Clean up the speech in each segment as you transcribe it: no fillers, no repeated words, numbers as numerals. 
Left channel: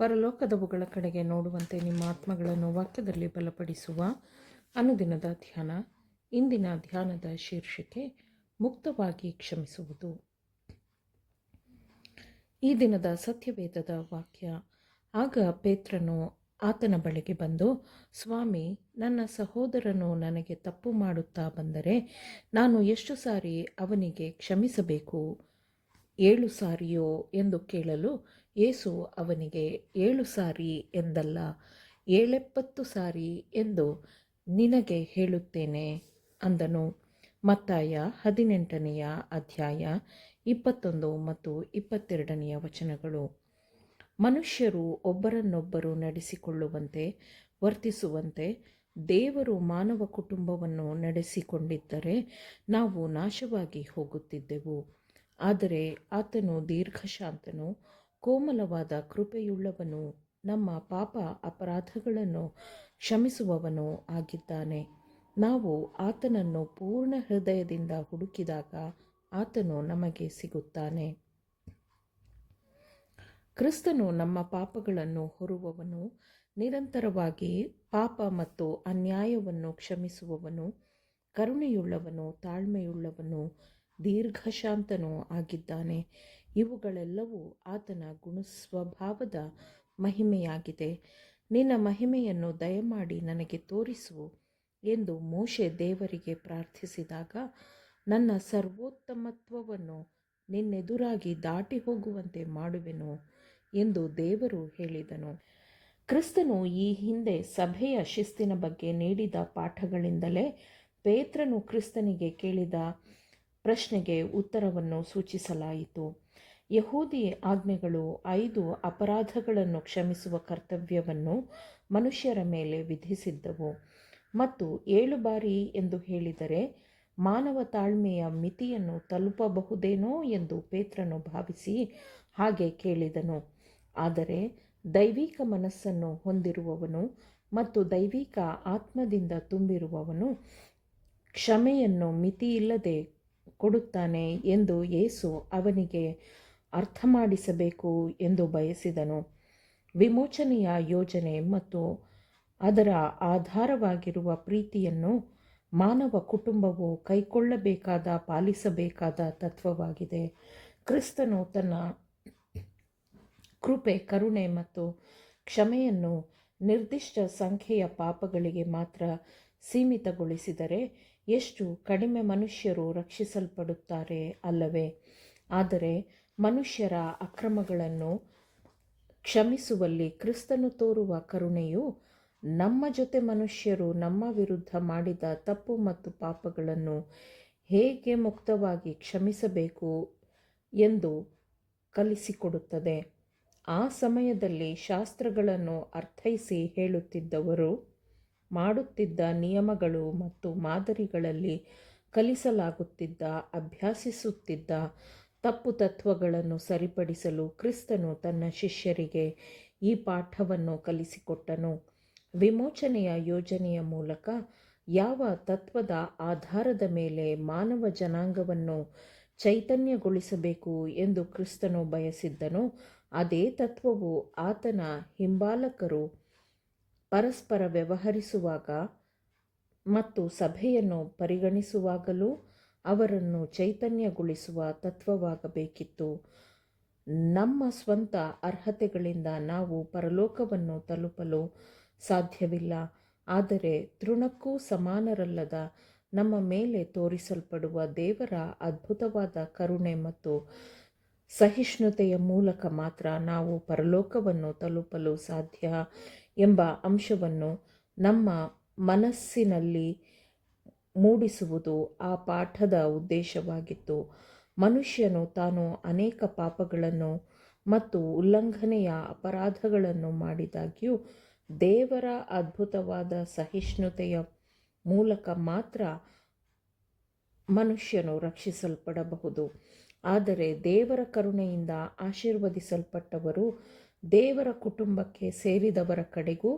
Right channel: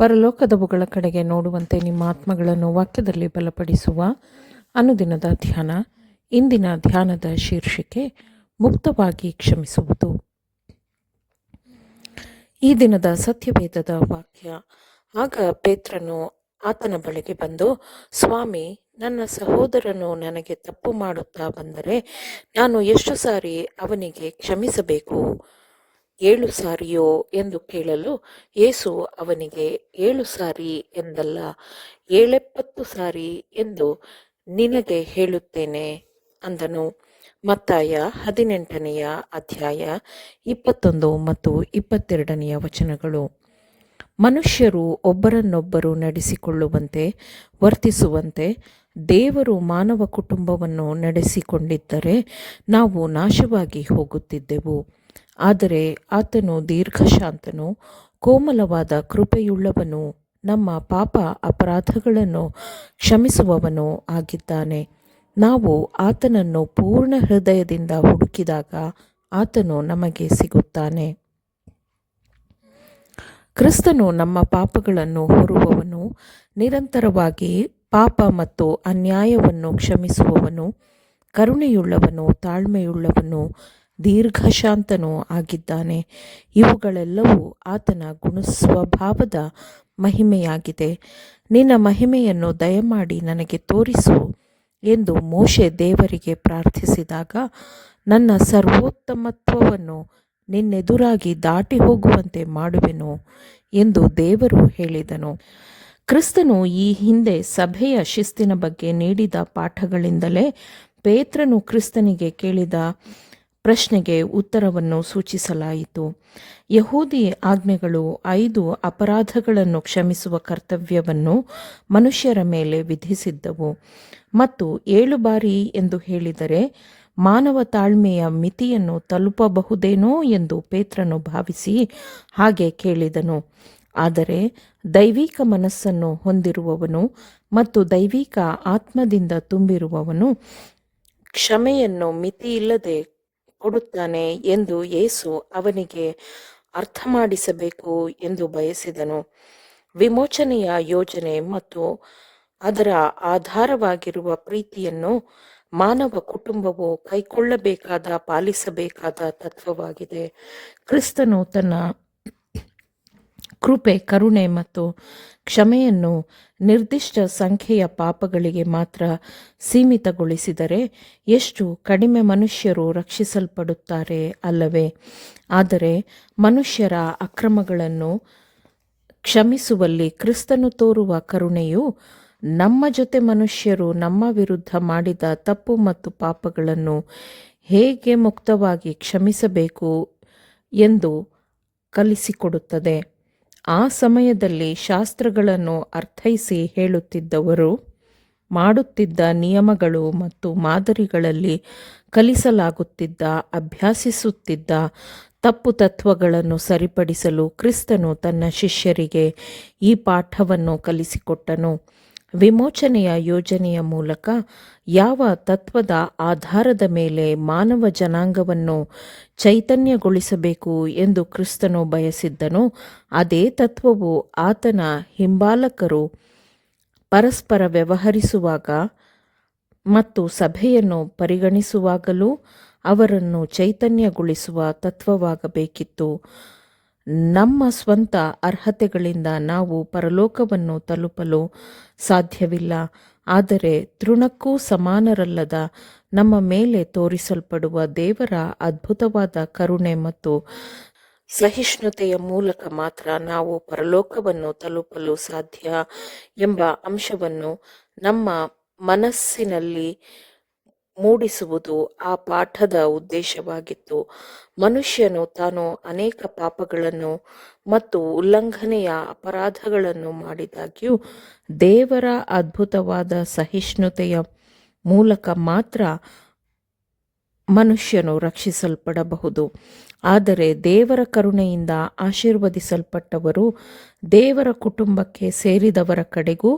ಪರಲೋಕದವುಗಳ ಕಡೆಗೆ ನೋಡುವಂತೆ ನಿಮ್ಮ ಆತ್ಮಗಳನ್ನು ವಾಕ್ಯದಲ್ಲಿ ಬಲಪಡಿಸುವ ಅನುದಿನದ ಧ್ಯಾನ. ಇಂದಿನ ಧ್ಯಾನದ ಶೀರ್ಷಿಕೆ ಮುಕ್ತವಾಗಿ ಕ್ಷಮಿಸುವುದು. ಈ ದಿನದ ಸತ್ಯವೇದದ ವಾಕ್ಯ. ಆಗ ಪೇತ್ರನು ಆತನ ಬಳಿಗೆ ಬಂದು, ಸ್ವಾಮಿ, ನನ್ನ ಸಹೋದರನು ನನಗೆ ತಪ್ಪು ಮಾಡುತ್ತಾ ಬಂದರೆ ನಾನು ಎಷ್ಟು ಸಾರಿ ಅವನಿಗೆ ಕ್ಷಮಿಸಬೇಕು? 7 ಸಾರಿಯೋ ಎಂದು ಕೇಳಲು, ಯೇಸು ಅವನಿಗೆ 7 ಸಾರಿ ಎಂದಲ್ಲ, 770 ಸಾರಿ ಎಂದು ನಿನಗೆ ಹೇಳುತ್ತೇನೆ ಅಂದನು. ಮತ್ತಾಯ 18ನೆಯ ಅಧ್ಯಾಯ 21 ಮತ್ತು 22ನೆಯ ವಚನಗಳು. ಮನುಷ್ಯರು ಒಬ್ಬರನ್ನೊಬ್ಬರು ನಡೆಸಿಕೊಳ್ಳುವಂತೆ ವರ್ತಿಸುವಂತೆ ದೇವರು ಮಾನವ ಕುಟುಂಬವನ್ನು ನಡೆಸಿಕೊಂಡಿದ್ದರೆ ನಾವು ನಾಶವಾಗಿ ಹೋಗುತ್ತಿದ್ದೆವು. ಆದರೆ ಆತನು ದೀರ್ಘಶಾಂತನು, ಕೋಮಲವಾದ ಕೃಪೆಯುಳ್ಳವನು, ನಮ್ಮ ಪಾಪ ಅಪರಾಧಗಳನ್ನು ಕ್ಷಮಿಸುವವನು ಆಗಿದ್ದಾನೆ. ನಾವು ಆತನನ್ನು ಪೂರ್ಣ ಹೃದಯದಿಂದ ಹುಡುಕಿದಾಗ ಆತನು ನಮಗೆ ಸಿಗುತ್ತಾನೆ. ಕ್ರಿಸ್ತನು ನಮ್ಮ ಪಾಪಗಳನ್ನು ಹೊರುವವನು, ನಿರಂತರವಾಗಿ ಪಾಪ ಮತ್ತು ಅನ್ಯಾಯವನ್ನು ಕ್ಷಮಿಸುವವನು, ಕರುಣೆಯುಳ್ಳವನು, ತಾಳ್ಮೆಯುಳ್ಳವನು, ದೀರ್ಘಶಾಂತನೂ ಆಗಿದ್ದಾನೆ. ಇವುಗಳೆಲ್ಲವೂ ಆತನ ಗುಣಸ್ವಭಾವದ ಮಹಿಮೆಯಾಗಿದೆ. ನಿನ್ನ ಮಹಿಮೆಯನ್ನು ದಯಮಾಡಿ ನನಗೆ ತೋರಿಸು ಎಂದು ಮೋಶೆ ದೇವರಿಗೆ ಪ್ರಾರ್ಥಿಸಿದಾಗ, ನನ್ನ ಸರ್ವೋತ್ತಮತ್ವವನ್ನು ನಿನ್ನೆದುರಾಗಿ ದಾಟಿ ಹೋಗುವಂತೆ ಮಾಡುವೆನು ಎಂದು ದೇವರು ಹೇಳಿದನು. ಕ್ರಿಸ್ತನು ಈ ಹಿಂದೆ ಸಭೆಯ ಶಿಸ್ತಿನ ಬಗ್ಗೆ ನೀಡಿದ ಪಾಠಗಳಿಂದಲೇ ಪೇತ್ರನು ಕ್ರಿಸ್ತನಿಗೆ ಕೇಳಿದ ಪ್ರಶ್ನೆಗೆ ಉತ್ತರವನ್ನು ಸೂಚಿಸಲಾಯಿತು. ಯಹೂದಿ ಆಜ್ಞೆಗಳು 5 ಅಪರಾಧಗಳನ್ನು ಕ್ಷಮಿಸುವ ಕರ್ತವ್ಯವನ್ನು ಮನುಷ್ಯರ ಮೇಲೆ ವಿಧಿಸಿದ್ದವು ಮತ್ತು 7 ಬಾರಿ ಎಂದು ಹೇಳಿದರೆ ಮಾನವ ತಾಳ್ಮೆಯ ಮಿತಿಯನ್ನು ತಲುಪಬಹುದೇನೋ ಎಂದು ಪೇತ್ರನು ಭಾವಿಸಿ ಹಾಗೆ ಕೇಳಿದನು. ಆದರೆ ದೈವಿಕ ಮನಸ್ಸನ್ನು ಹೊಂದಿರುವವನು ಮತ್ತು ದೈವಿಕ ಆತ್ಮದಿಂದ ತುಂಬಿರುವವನು ಕ್ಷಮೆಯನ್ನು ಮಿತಿಯಿಲ್ಲದೆ ಕೊಡುತ್ತಾನೆ ಎಂದು ಯೇಸು ಅವನಿಗೆ ಅರ್ಥ ಮಾಡಿಸಬೇಕು ಎಂದು ಬಯಸಿದನು. ವಿಮೋಚನೆಯ ಯೋಜನೆ ಮತ್ತು ಅದರ ಆಧಾರವಾಗಿರುವ ಪ್ರೀತಿಯನ್ನು ಮಾನವ ಕುಟುಂಬವು ಕೈಕೊಳ್ಳಬೇಕಾದ, ಪಾಲಿಸಬೇಕಾದ ತತ್ವವಾಗಿದೆ. ಕ್ರಿಸ್ತನು ತನ್ನ ಕೃಪೆ, ಕರುಣೆ ಮತ್ತು ಕ್ಷಮೆಯನ್ನು ನಿರ್ದಿಷ್ಟ ಸಂಖ್ಯೆಯ ಪಾಪಗಳಿಗೆ ಮಾತ್ರ ಸೀಮಿತಗೊಳಿಸಿದರೆ ಎಷ್ಟು ಕಡಿಮೆ ಮನುಷ್ಯರು ರಕ್ಷಿಸಲ್ಪಡುತ್ತಾರೆ ಅಲ್ಲವೇ? ಆದರೆ ಮನುಷ್ಯರ ಅಕ್ರಮಗಳನ್ನು ಕ್ಷಮಿಸುವಲ್ಲಿ ಕ್ರಿಸ್ತನು ತೋರುವ ಕರುಣೆಯು ನಮ್ಮ ಜೊತೆ ಮನುಷ್ಯರು ನಮ್ಮ ವಿರುದ್ಧ ಮಾಡಿದ ತಪ್ಪು ಮತ್ತು ಪಾಪಗಳನ್ನು ಹೇಗೆ ಮುಕ್ತವಾಗಿ ಕ್ಷಮಿಸಬೇಕು ಎಂದು ಕಲಿಸಿಕೊಡುತ್ತದೆ. ಆ ಸಮಯದಲ್ಲಿ ಶಾಸ್ತ್ರಗಳನ್ನು ಅರ್ಥೈಸಿ ಹೇಳುತ್ತಿದ್ದವರು ಮಾಡುತ್ತಿದ್ದ ನಿಯಮಗಳು ಮತ್ತು ಮಾದರಿಗಳಲ್ಲಿ ಕಲಿಸಲಾಗುತ್ತಿದ್ದ, ಅಭ್ಯಾಸಿಸುತ್ತಿದ್ದ ತಪ್ಪು ತತ್ವಗಳನ್ನು ಸರಿಪಡಿಸಲು ಕ್ರಿಸ್ತನು ತನ್ನ ಶಿಷ್ಯರಿಗೆ ಈ ಪಾಠವನ್ನು ಕಲಿಸಿಕೊಟ್ಟನು. ವಿಮೋಚನೆಯ ಯೋಜನೆಯ ಮೂಲಕ ಯಾವ ತತ್ವದ ಆಧಾರದ ಮೇಲೆ ಮಾನವ ಜನಾಂಗವನ್ನು ಚೈತನ್ಯಗೊಳಿಸಬೇಕು ಎಂದು ಕ್ರಿಸ್ತನು ಬಯಸಿದ್ದನೋ ಅದೇ ತತ್ವವು ಆತನ ಹಿಂಬಾಲಕರು ಪರಸ್ಪರ ವ್ಯವಹರಿಸುವಾಗ ಮತ್ತು ಸಭೆಯನ್ನು ಪರಿಗಣಿಸುವಾಗಲೂ ಅವರನ್ನು ಚೈತನ್ಯಗೊಳಿಸುವ ತತ್ವವಾಗಬೇಕಿತ್ತು. ನಮ್ಮ ಸ್ವಂತ ಅರ್ಹತೆಗಳಿಂದ ನಾವು ಪರಲೋಕವನ್ನು ತಲುಪಲು ಸಾಧ್ಯವಿಲ್ಲ. ಆದರೆ ತೃಣಕ್ಕೂ ಸಮಾನರಲ್ಲದ ನಮ್ಮ ಮೇಲೆ ತೋರಿಸಲ್ಪಡುವ ದೇವರ ಅದ್ಭುತವಾದ ಕರುಣೆ ಮತ್ತು ಸಹಿಷ್ಣುತೆಯ ಮೂಲಕ ಮಾತ್ರ ನಾವು ಪರಲೋಕವನ್ನು ತಲುಪಲು ಸಾಧ್ಯ ಎಂಬ ಅಂಶವನ್ನು ನಮ್ಮ ಮನಸ್ಸಿನಲ್ಲಿ ಮೂಡಿಸುವುದು ಆ ಪಾಠದ ಉದ್ದೇಶವಾಗಿತ್ತು. ಮನುಷ್ಯನು ತಾನು ಅನೇಕ ಪಾಪಗಳನ್ನು ಮತ್ತು ಉಲ್ಲಂಘನೆಯ ಅಪರಾಧಗಳನ್ನು ಮಾಡಿದಾಗ್ಯೂ ದೇವರ ಅದ್ಭುತವಾದ ಸಹಿಷ್ಣುತೆಯ ಮೂಲಕ ಮಾತ್ರ ಮನುಷ್ಯನು ರಕ್ಷಿಸಲ್ಪಡಬಹುದು. ಆದರೆ ದೇವರ ಕರುಣೆಯಿಂದ ಆಶೀರ್ವದಿಸಲ್ಪಟ್ಟವರು ದೇವರ ಕುಟುಂಬಕ್ಕೆ ಸೇರಿದವರ ಕಡೆಗೂ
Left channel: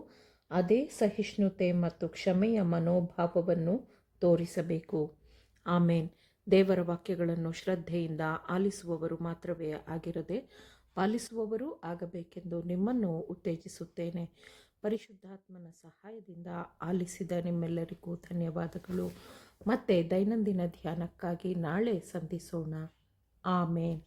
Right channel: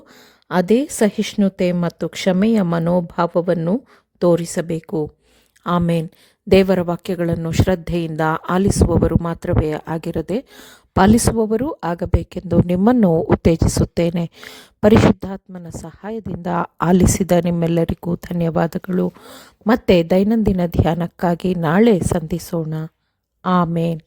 ಅದೇ ಸಹಿಷ್ಣುತೆ ಮತ್ತು ಕ್ಷಮೆಯ ಮನೋಭಾವವನ್ನು ತೋರಿಸಬೇಕು. ಆಮೇನ್. ದೇವರ ವಾಕ್ಯಗಳನ್ನು ಶ್ರದ್ಧೆಯಿಂದ ಆಲಿಸುವವರು ಮಾತ್ರವೇ ಆಗಿರದೆ ಪಾಲಿಸುವವರೂ ಆಗಬೇಕೆಂದು ನಿಮ್ಮನ್ನು ಉತ್ತೇಜಿಸುತ್ತೇನೆ. ಪರಿಶುದ್ಧಾತ್ಮನ ಸಹಾಯದಿಂದ ಆಲಿಸಿದ ನಿಮ್ಮೆಲ್ಲರಿಗೂ ಧನ್ಯವಾದಗಳು. ಮತ್ತೆ ದೈನಂದಿನ ಧ್ಯಾನಕ್ಕಾಗಿ ನಾಳೆ ಸಂಧಿಸೋಣ. ಆಮೇನ್.